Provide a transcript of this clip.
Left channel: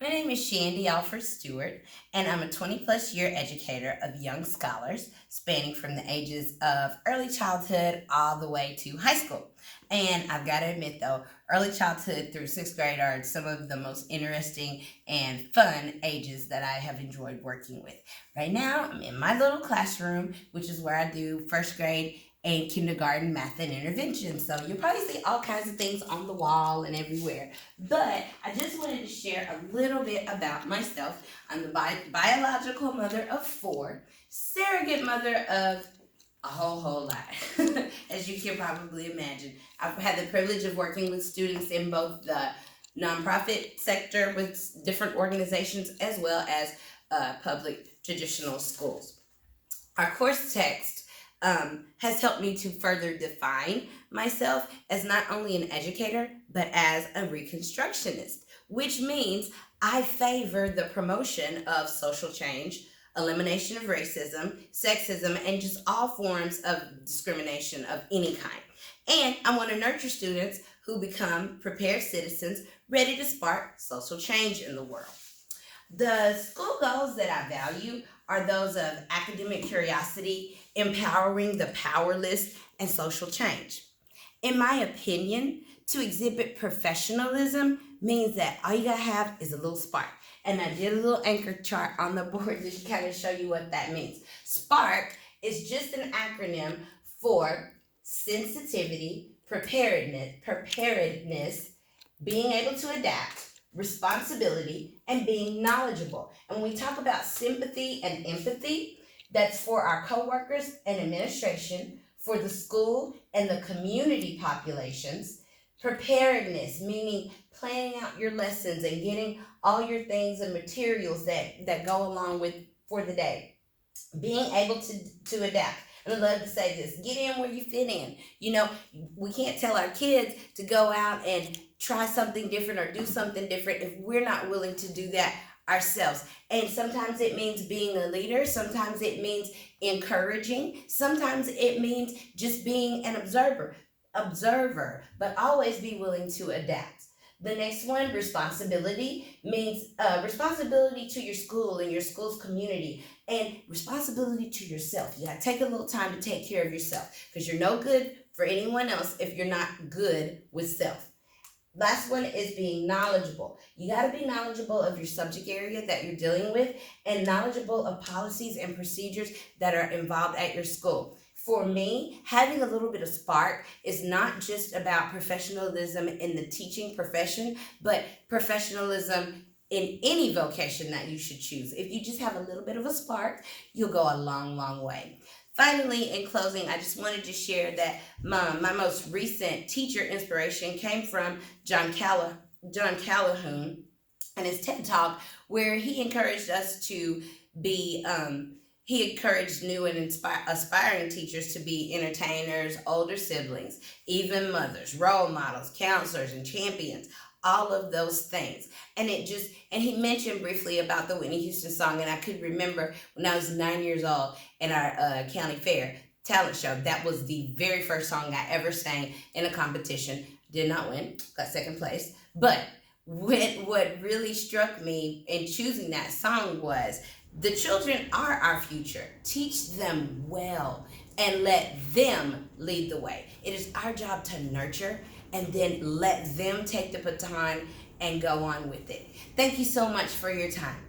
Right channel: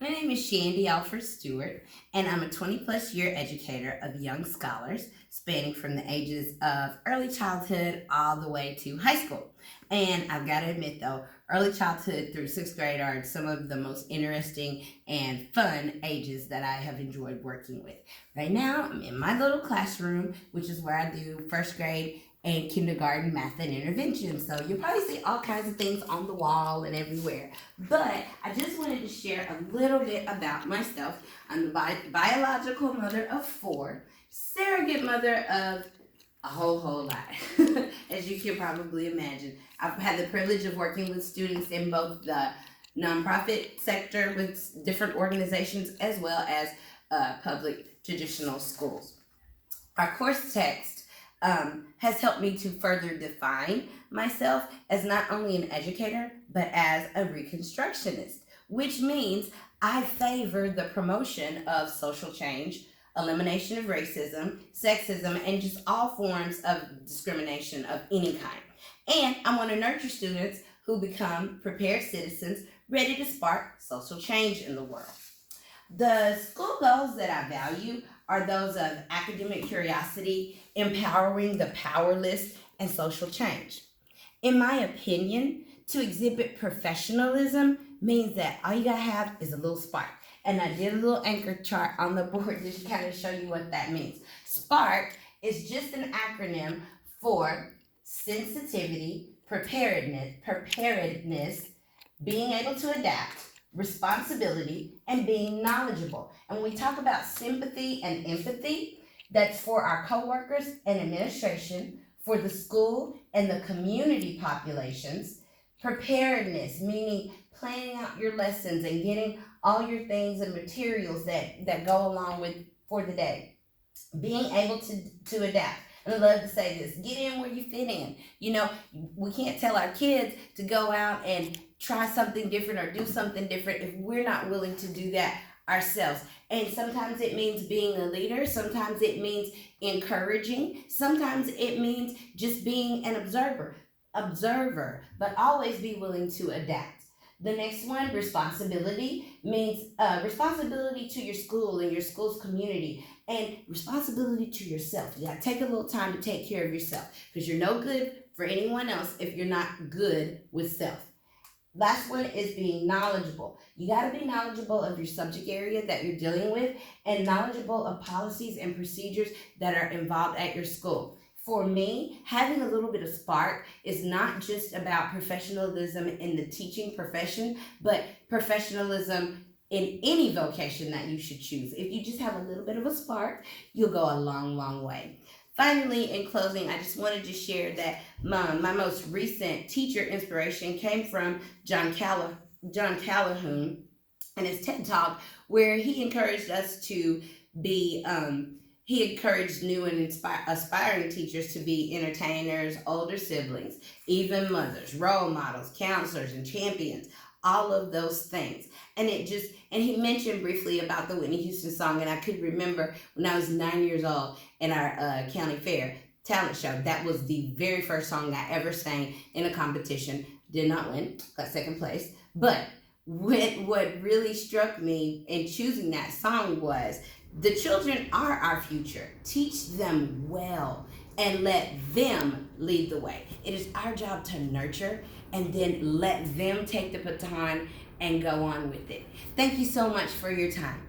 My name is Shandy Alford Stewart, and I'm a 20 plus year educator of young scholars spanning from the ages of early childhood all the way to high school. And I've got to admit though, early childhood through sixth grade are some of the most interesting and fun ages that I have enjoyed working with. Right now, I'm in my little classroom, which is where I do first grade and kindergarten math and intervention. So you'll probably see all kinds of things on the wall and everywhere. But I just wanted to share a little bit about myself. I'm the biological mother of 4, surrogate mother of a whole lot, as you can probably imagine. I've had the privilege of working with students in both the nonprofit sector with different organizations as well as public traditional schools. Our course text has helped me to further define myself as not only an educator, but as a reconstructionist, which means I favor the promotion of social change, elimination of racism, sexism, and just all forms of discrimination of any kind. And I want to nurture students who become prepared citizens ready to spark social change in the world. The school goals that I value are those of academic curiosity, empowering the powerless, and social change. In my opinion, to exhibit professionalism means that all you gotta have is a little spark. And I did a little anchor chart on the board just to kind of show you what that means. SPARK is just an acronym for sensitivity, preparedness, being able to adapt, responsibility, and being knowledgeable. And when we talk about sympathy and empathy, that's for our coworkers and administration, for the school and the community populations. Preparedness, meaning planning out your lessons and getting all your things and materials that go along with for the day. Being able to adapt. And I love to say this, get in where you fit in. You know, we can't tell our kids to go out and try something different or do something different if we're not willing to do that ourselves. And sometimes it means being a leader, sometimes it means encouraging, sometimes it means just being an observer, but always be willing to adapt. The next one, responsibility, means responsibility to your school and your school's community, and responsibility to yourself. You gotta take a little time to take care of yourself because you're no good for anyone else if you're not good with self. Last one is being knowledgeable. You got to be knowledgeable of your subject area that you're dealing with and knowledgeable of policies and procedures that are involved at your school. For me, having a little bit of spark is not just about professionalism in the teaching profession, but professionalism in any vocation that you should choose. If you just have a little bit of a spark, you'll go a long, long way. Finally, in closing, I just wanted to share that my most recent teacher inspiration came from John Calhoun and his TED Talk, where he encouraged us to be, he encouraged new and aspiring teachers to be entertainers, older siblings, even mothers, role models, counselors, and champions. All of those things. And he mentioned briefly about the Whitney Houston song, and I could remember when I was 9 years old in our county fair talent show, that was the very first song I ever sang in a competition. Did not win, got second place. But what really struck me in choosing that song was the children are our future. Teach them well and let them lead the way. It is our job to nurture and then let them take the baton and go on with it. Thank you so much for your time.